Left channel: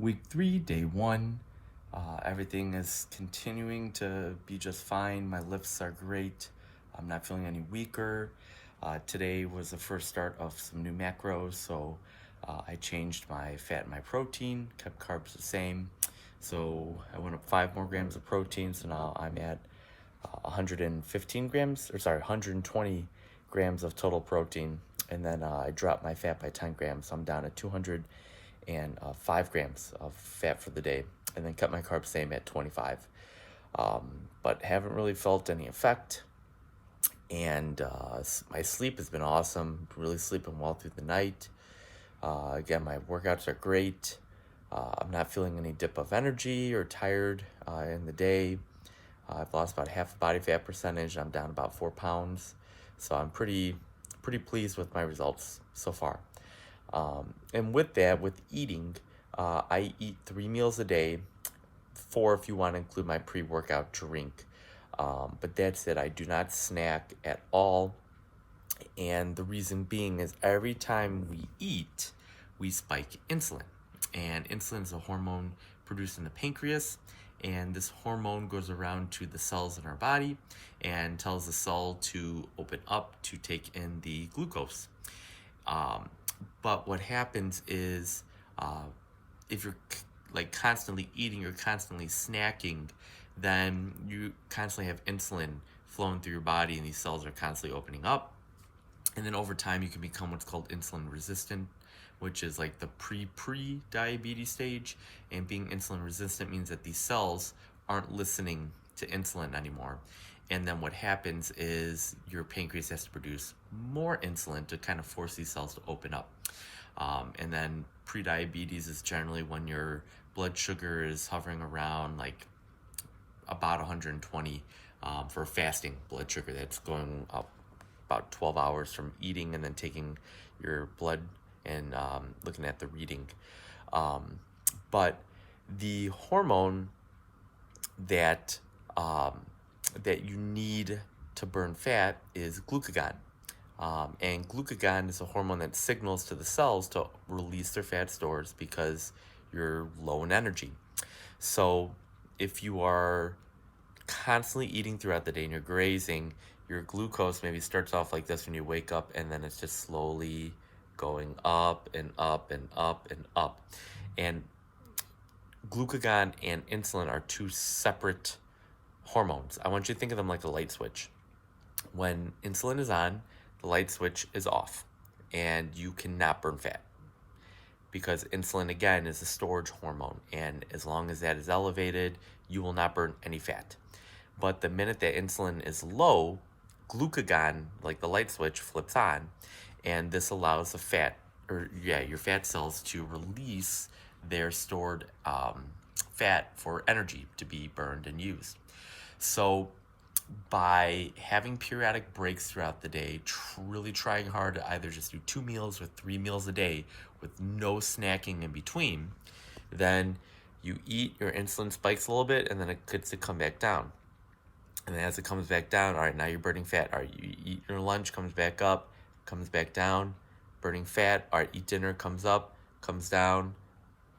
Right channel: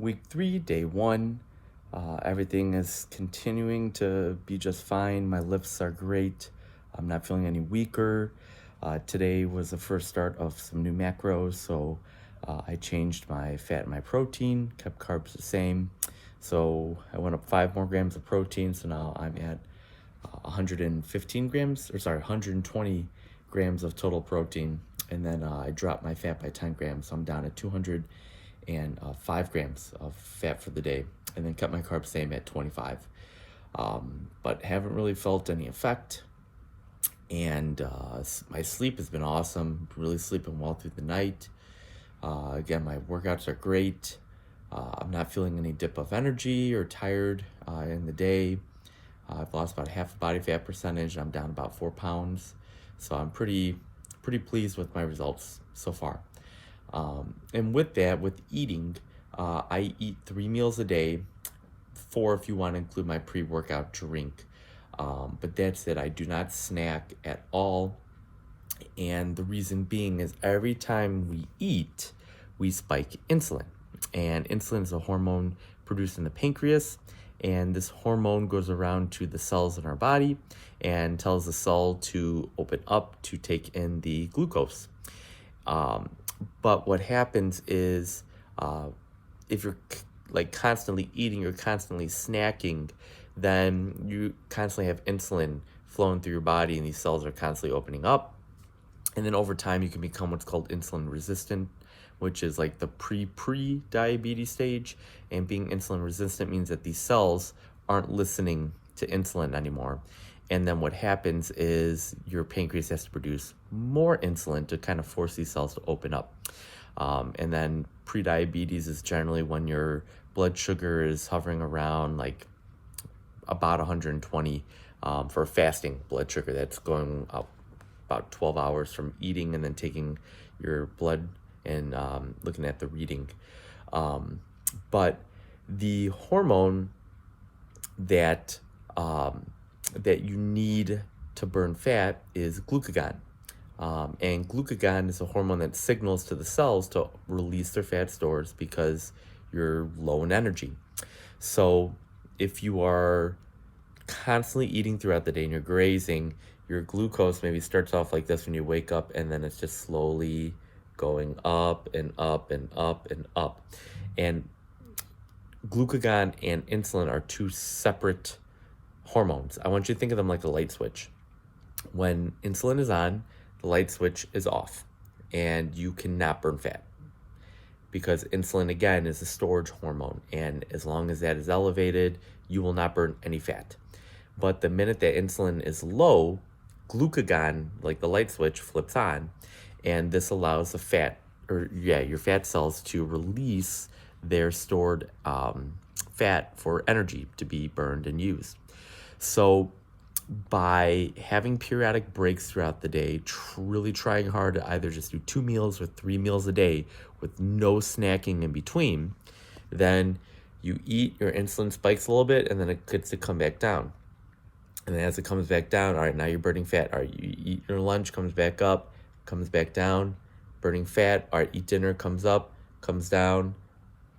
Week 3, day 1. Everything is continuing to be just fine. My lifts are great. I'm not feeling any weaker. Today was the first start of some new macros, so I changed my fat and my protein, kept carbs the same. So I went up 5 more grams of protein, so now I'm at 115 grams, 120 grams of total protein. And then I dropped my fat by 10 grams, so I'm down at 205 grams of fat for the day, and then cut my carbs same at 25. But haven't really felt any effect. And my sleep has been awesome, really sleeping well through the night. Again, my workouts are great. I'm not feeling any dip of energy or tired in the day. I've lost about half the body fat percentage, and I'm down about 4 pounds. So I'm pretty pleased with my results so far. And with that, with eating, I eat 3 meals a day, 4 if you want to include my pre-workout drink. But that's it. I do not snack at all. And the reason being is every time we eat, we spike insulin. And insulin is a hormone produced in the pancreas. And this hormone goes around to the cells in our body and tells the cell to open up to take in the glucose. But what happens is if you're like constantly eating, you're constantly snacking, then you constantly have insulin flowing through your body and these cells are constantly opening up. And then over time, you can become what's called insulin resistant, which is like the pre-diabetes stage. And being insulin resistant means that these cells aren't listening to insulin anymore. And then what happens is your pancreas has to produce more insulin to kind of force these cells to open up. And then pre-diabetes is generally when your blood sugar is hovering around like about 120 for fasting blood sugar. That's going up about 12 hours from eating and then taking your blood and looking at the reading. But the hormone that you need to burn fat is glucagon. And glucagon is a hormone that signals to the cells to release their fat stores because you're low in energy. So if you are constantly eating throughout the day and you're grazing, your glucose maybe starts off like this when you wake up, and then it's just slowly going up and up and up and up. And glucagon and insulin are two separate hormones. I want you to think of them like a light switch. When insulin is on, the light switch is off, and you cannot burn fat because insulin, again, is a storage hormone. And as long as that is elevated, you will not burn any fat. But the minute that insulin is low, glucagon, like the light switch, flips on, and this allows your fat cells to release their stored fat for energy to be burned and used. So by having periodic breaks throughout the day, really trying hard to either just do 2 meals or 3 meals a day with no snacking in between, then you eat, your insulin spikes a little bit, and then it gets to come back down. And then as it comes back down, all right, now you're burning fat. All right, you eat your lunch, comes back up, comes back down, burning fat. All right, eat dinner, comes up, comes down,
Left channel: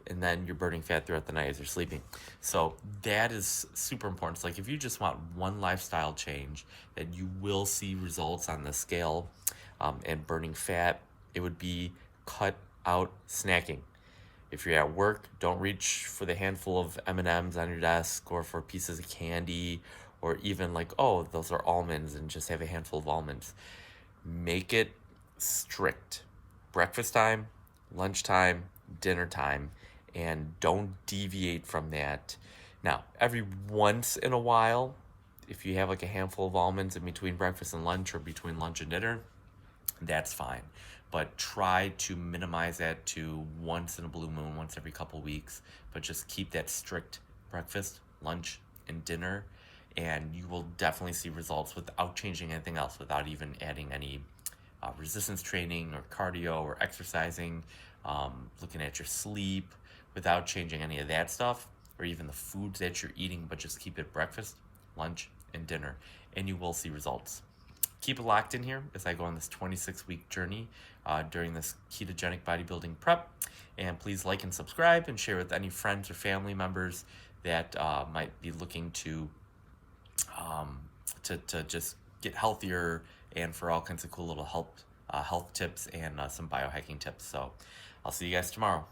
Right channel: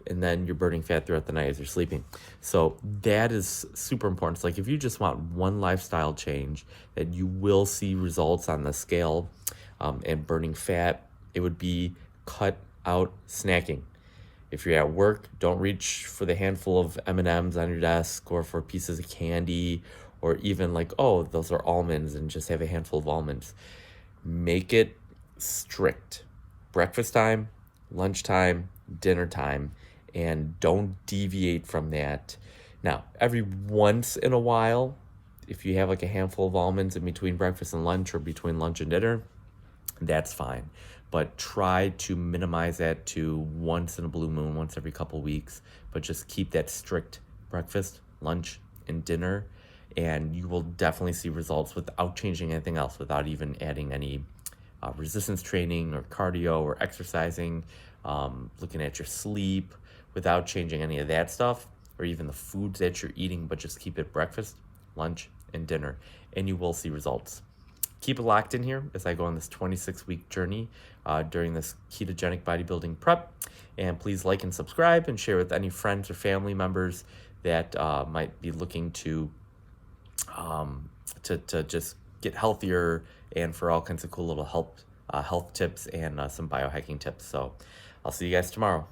and then you're burning fat throughout the night as you're sleeping. So that is super important. So like if you just want one lifestyle change that you will see results on the scale and burning fat, it would be cut out snacking. If you're at work, don't reach for the handful of M&Ms on your desk or for pieces of candy or even like, oh, those are almonds, and just have a handful of almonds. Make it strict. Breakfast time, lunchtime, dinner time, and don't deviate from that. Now, every once in a while, if you have like a handful of almonds in between breakfast and lunch or between lunch and dinner, that's fine. But try to minimize that to once in a blue moon, once every couple weeks. But just keep that strict breakfast, lunch, and dinner, and you will definitely see results without changing anything else, without even adding any resistance training or cardio or exercising, looking at your sleep, without changing any of that stuff, or even the foods that you're eating, but just keep it breakfast, lunch, and dinner, and you will see results. keep it locked in here as I go on this 26-week journey during this ketogenic bodybuilding prep. And please like and subscribe and share with any friends or family members that might be looking to just get healthier, and for all kinds of cool little health tips and some biohacking tips. So I'll see you guys tomorrow.